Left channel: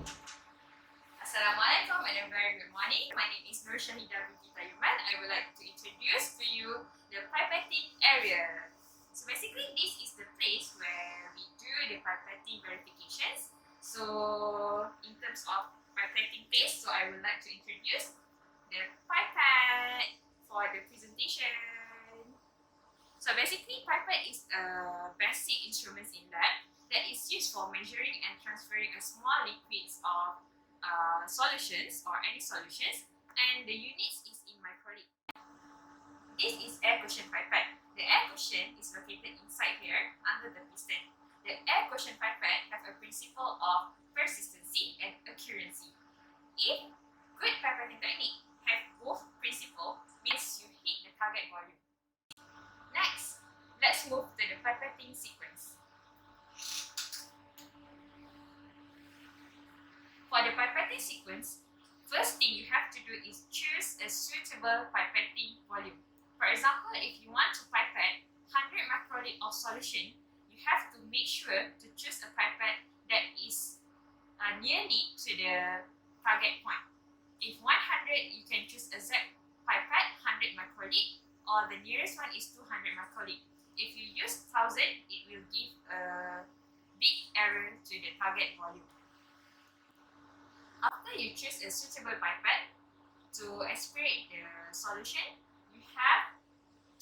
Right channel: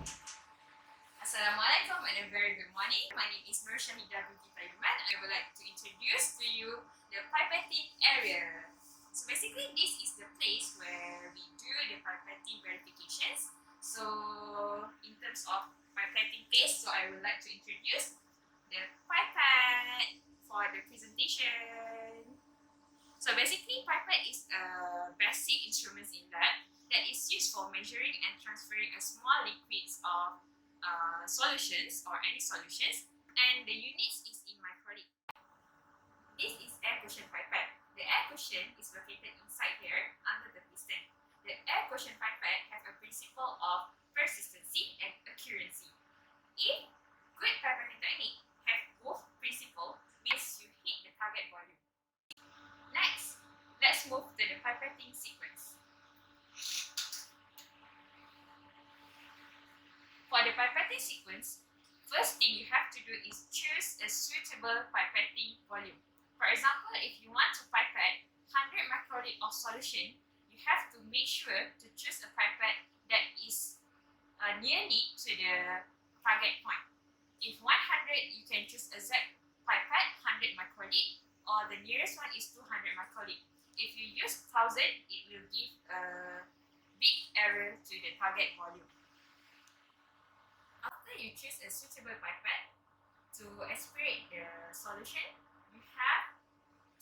Assalamualaikum and a very good morning. My name is Nur Shahida binti Tayuman. I would like to introduce to you the pipetting area. So basically this is the place where we do the pipetting verifications. So in terms of pipetting place, so I would like to introduce the pipette for the presentation. So basically pipette is a basic instrument in lab that is used for measuring and transferring a small liquids of solutions or any solutions, and the units is in microliter. This is air cushion pipette. The air cushion is located inside here under the piston. The air cushion pipette have a principle of persistency and accuracy. If good pipetting technique have both principle, means you hit the target volume. Next, let's move to the pipetting sequence. For the pipetting sequence, first thing you have to do is choose a suitable pipetting volume. For example, if you want to pipette 100 microliter of solution, you have to make sure to choose a pipette that is nearly to the target point. If 100, you can choose a Z pipette 100 microliter, or the nearest one is 200 microliter. If you use 1000, it will give a big error to the target volume. After you choose a suitable pipette to aspirate the solution, you have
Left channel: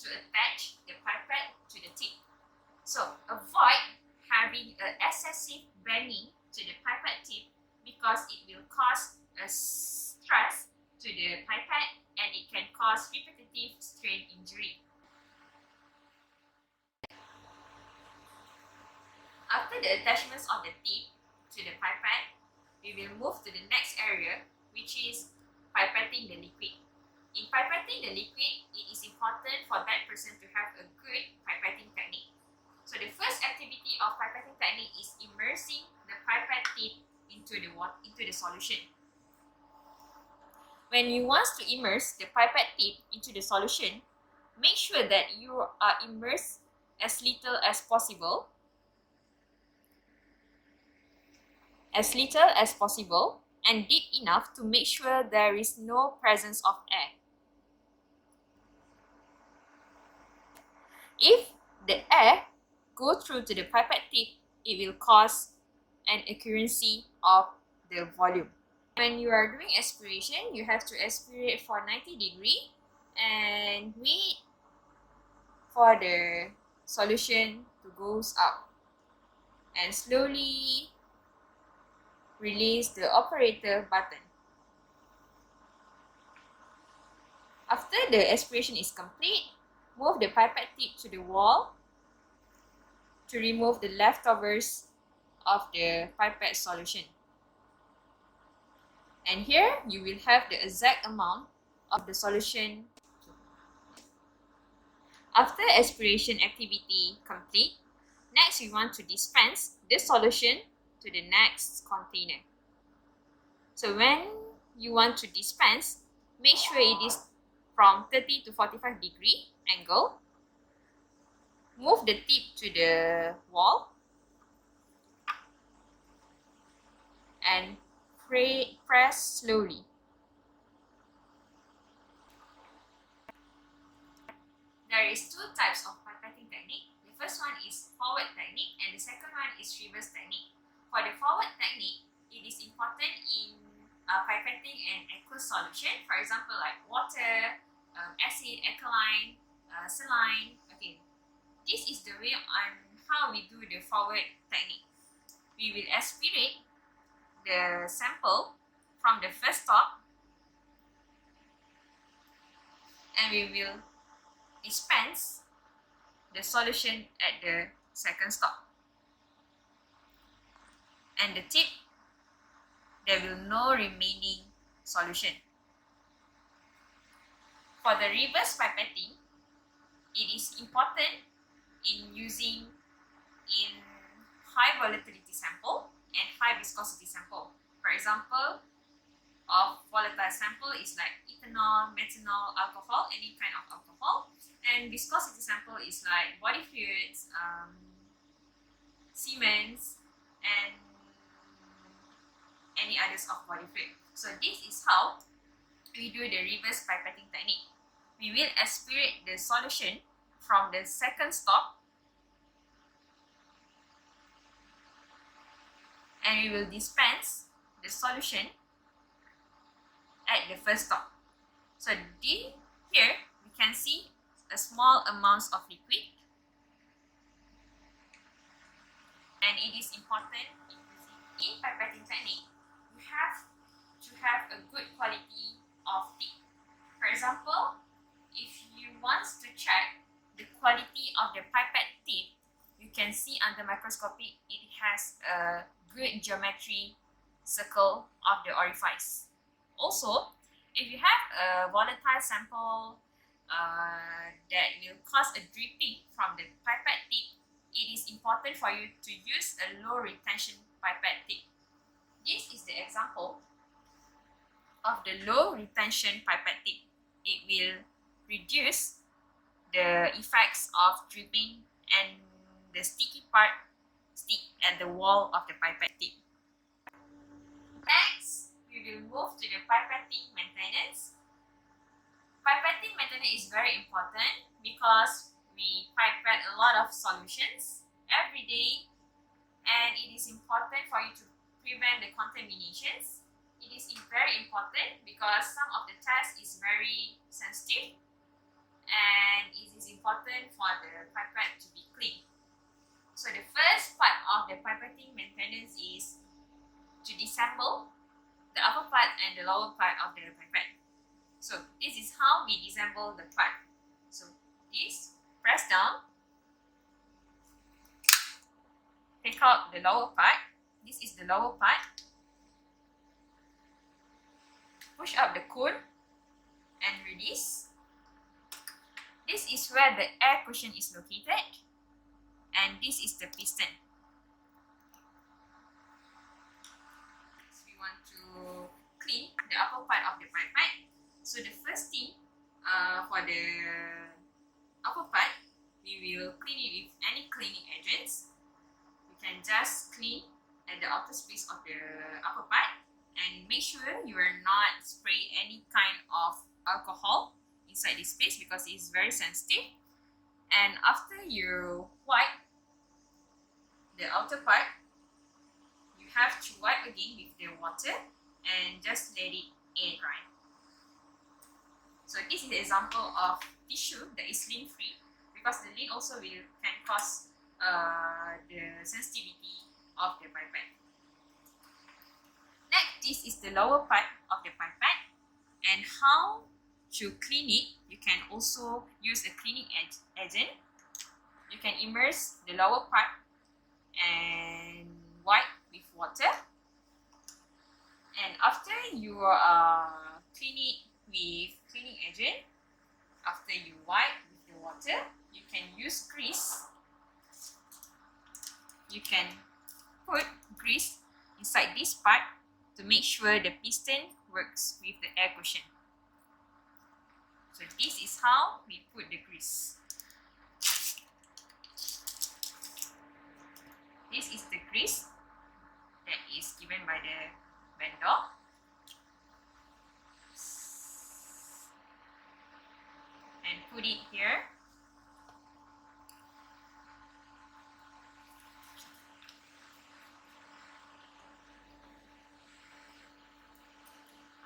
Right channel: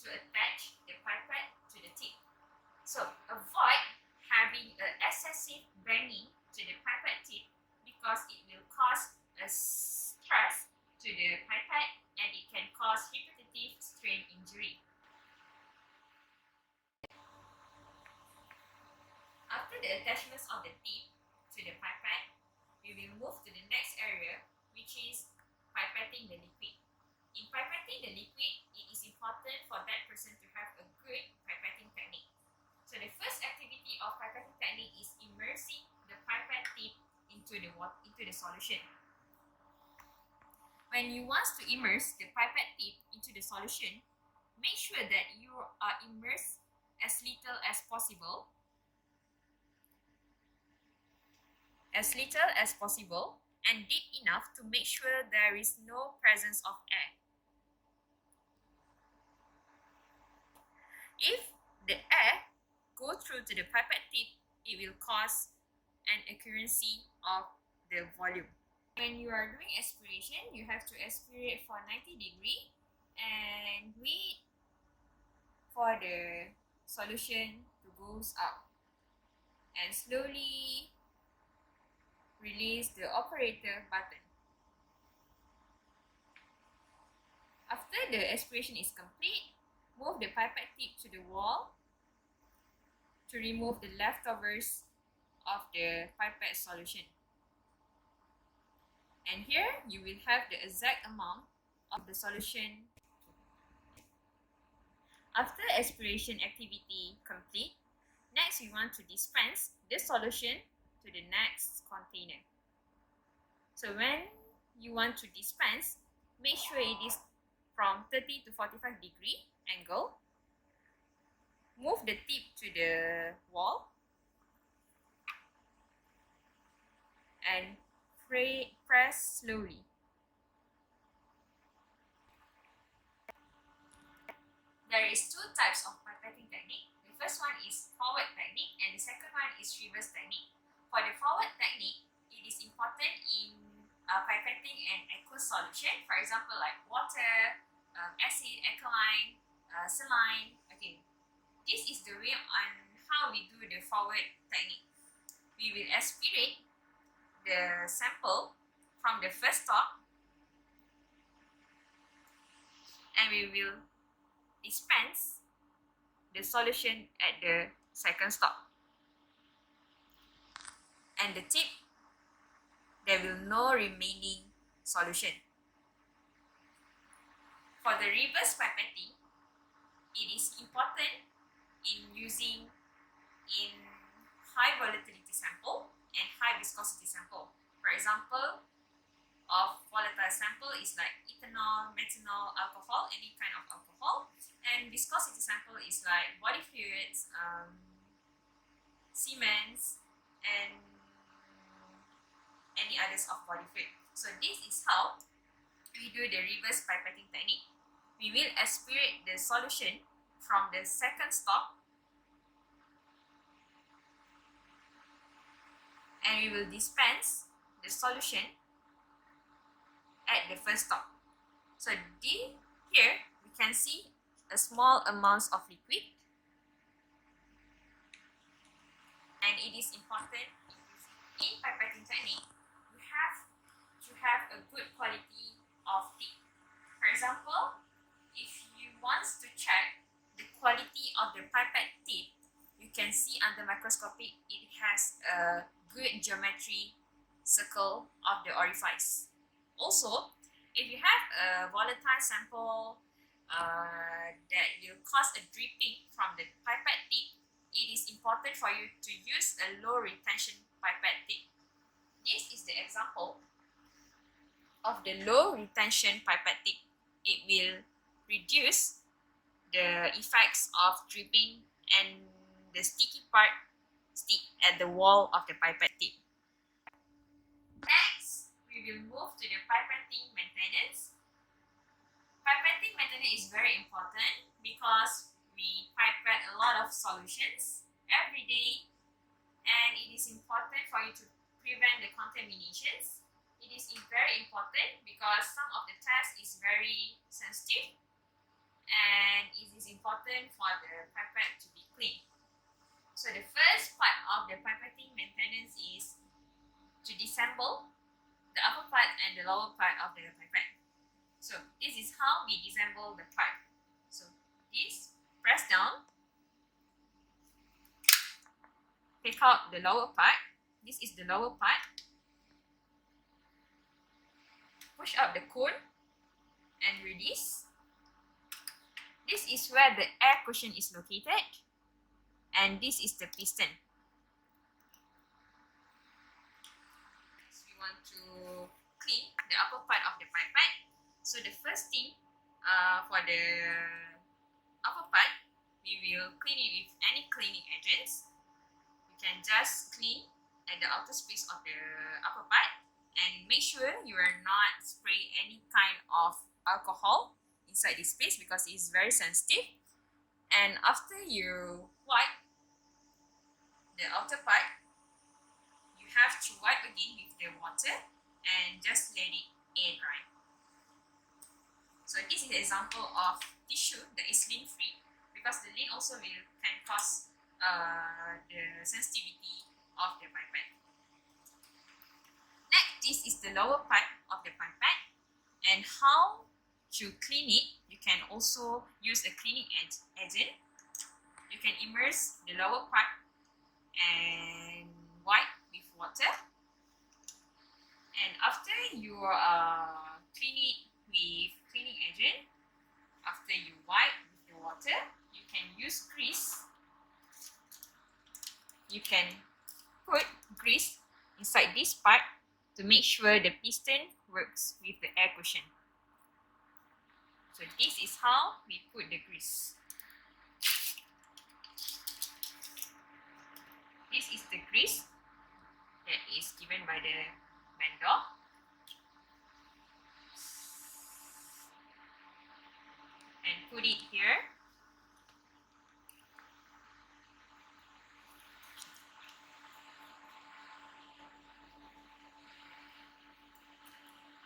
to attach the pipette to the tip. So avoid having an excessive banging to the pipette tip because it will cause a stress to the pipette and it can cause repetitive strain injury. After the attachments of the tip to the pipette, we will move to the next area, which is pipetting the liquid. In pipetting the liquid, it is important for that person to have a good pipetting technique. So the first activity of pipetting technique is immersing the pipette tip into the solution. When you want to immerse the pipette tip into the solution, make sure that you are immersed as little as possible. And deep enough to make sure there is no presence of air. If the air go through to the pipette tip, it will cause an accuracy of the volume. When you are doing aspiration, you have to aspirate for 90 degrees and wait for the solution to goes up and slowly release the operator button. After the aspiration is complete, move the pipette tip to the wall to remove the leftovers of the pipette solution. And here you will have the exact amount of the solution. After aspiration activity complete, next we want to dispense the solution to the next container. So when you want to dispense, make sure it is from 30 to 45 degree angle. Move the tip to the wall and press slowly. There is two types of pipetting technique. The first one is forward technique and the second one is reverse technique. For the forward technique, it is important in pipetting an aqueous solution, for example like water, acid, alkaline, saline. Okay, this is the way on how we do the forward technique. We will aspirate the sample from the first stop and we will dispense the solution at the second stop. And the tip, there will no remaining solution. For the reverse pipetting, it is important in using in high volatility sample and high viscosity sample. For example, of volatile sample is like ethanol, methanol, alcohol, any kind of alcohol, and viscosity sample is like body fluids, cements, and any meters of body fluid. So this is how we do the reverse pipetting technique. We will aspirate the solution from the second stop and we will dispense the solution at the first stop. So here we can see a small amounts of liquid, and it is important in pipetting technique you have to have a good quality of tip. For example, if you want to check the quality of the pipette tip, you can see under microscopy it has a good geometry circle of the orifice. Also, if you have a volatile sample that will cause a dripping from the pipette tip, it is important for you to use a low retention pipette tip. This is the example of the low retention pipette tip. It will reduce the effects of dripping and the sticky part stick at the wall of the pipette tip. Next, we will move to the pipetting maintenance. Pipetting maintenance is very important because we pipette a lot of solutions every day, and it is important for you to prevent the contaminations. It is very important because some of the test is very sensitive, and it is important for the pipette to be clean. So the first part of the pipetting maintenance is to disassemble the upper part and the lower part of the pipette. So this is how we disassemble the pipe. So this, press down, take out the lower part. This is the lower part. Push up the cone and release. This is where the air cushion is located, and this is the piston. We want to clean the upper part of the pipette. So the first thing for the upper part, we will clean it with any cleaning agents. You can just clean at the outer space of the upper part, and make sure you are not spray any kind of alcohol inside this space because it is very sensitive. And after you wipe the outer part, you have to wipe again with the water and just let it air dry. So this is an example of tissue that is lint free, because the lint also can cause the sensitivity of the pipette. Next, this is the lower part of the pipette, and how to clean it. You can also use a cleaning agent. You can immerse the lower part and wipe with water, and after you clean it with cleaning agent, after you wipe with the water, you can use grease. You can put grease inside this part to make sure the piston works with the air cushion. So this is how we put the grease. This is the grease that is given by the vendor. And put it here.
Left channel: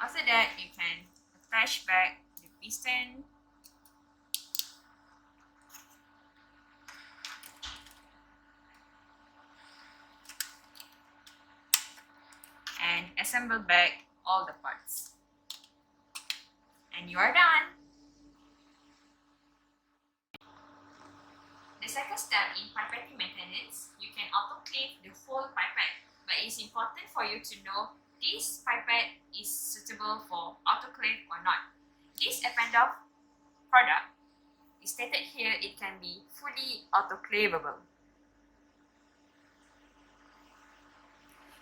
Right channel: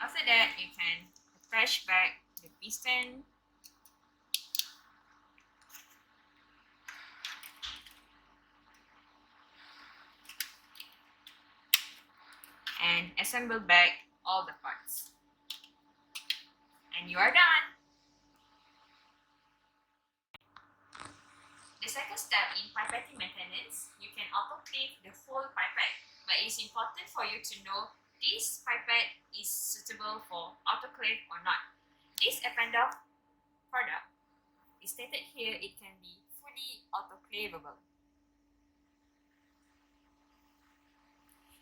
After that, you can attach back the piston. And assemble back all the parts. And you are done. The second step in pipetting maintenance, you can autoclave the whole pipette, but it is important for you to know this pipette is suitable for autoclave or not. This Appendorf product is stated here it can be fully autoclavable.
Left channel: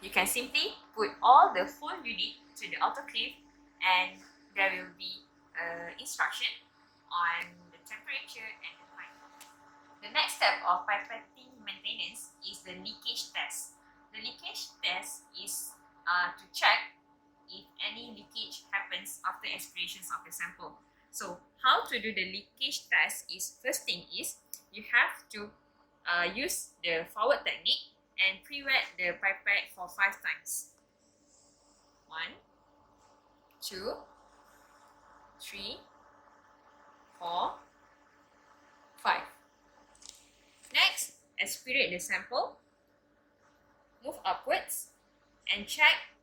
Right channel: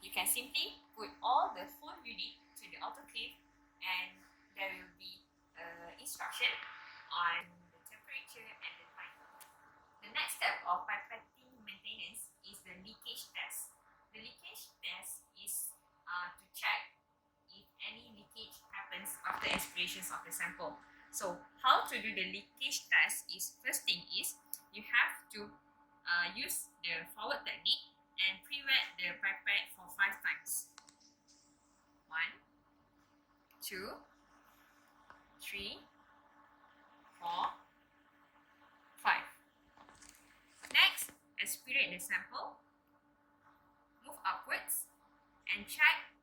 You can simply put all the full unit to the autoclave, and there will be instruction on the temperature and the time. The next step of pipetting maintenance is the leakage test. The leakage test is to check conditions of the sample. So how to do the leakage test is, first thing is, you have to use the forward technique and pre-wet the pipette for 5 times. 1, 2, 3, 4, 5. Next, aspirate the sample, move upwards, and check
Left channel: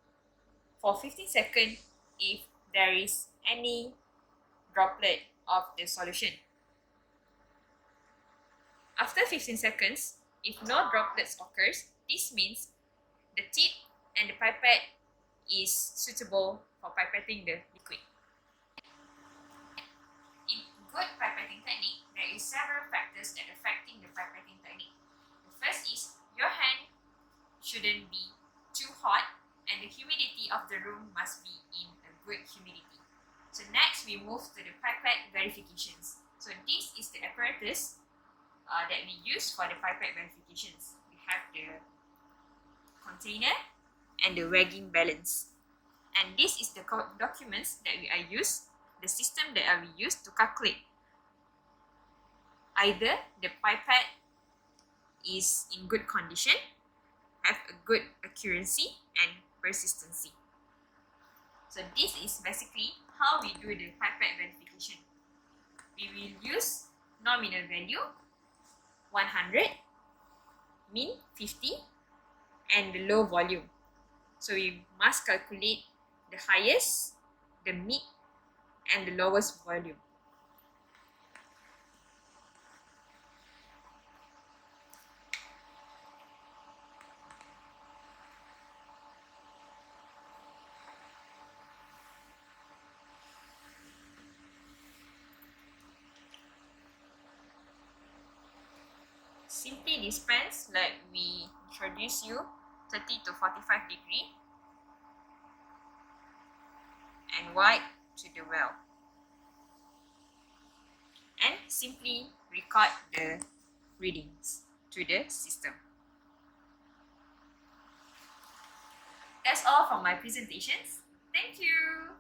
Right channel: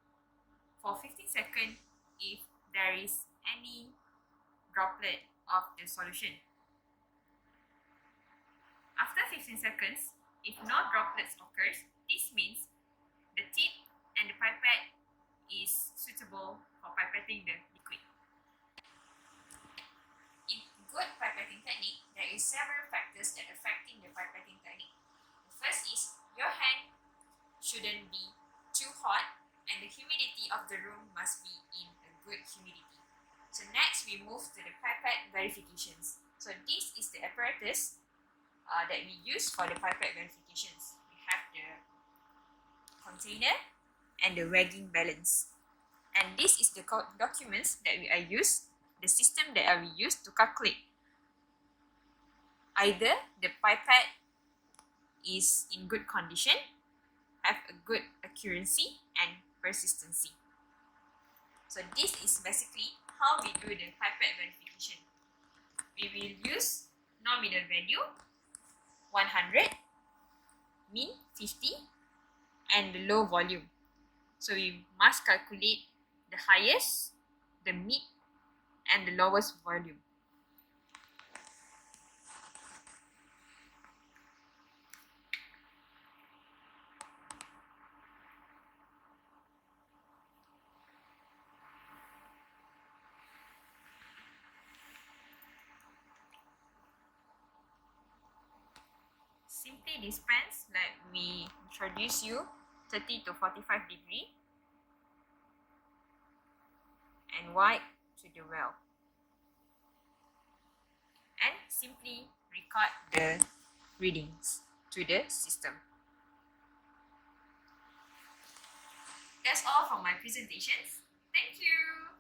for 15 seconds if there is any droplet of the solution. After 15 seconds, if no droplets occurs, this means the tip and the pipette is suitable for pipetting the liquid. In good pipetting technique, there is several factors that affecting the pipetting technique. The first is your hand shouldn't be too hot and the humidity of the room must be in a good humidity. So next we move to the pipette verifications. So this is the apparatus that we use for the pipette verifications. We have the container and the wagging balance. And this is the documents that we are used, the system that we use to calculate either the pipette is in good condition, have a good accuracy and persistency. So this is basically how we do the pipette verification. We will use nominal value 100, mean 50, and the low volume. So we must calculate the highest, the mid, and the lowest volume. Simply dispense like we introduce you 30 to 45 degree and wipe to the well. And simply record the readings to the system. That's all from my presentations. Thank you.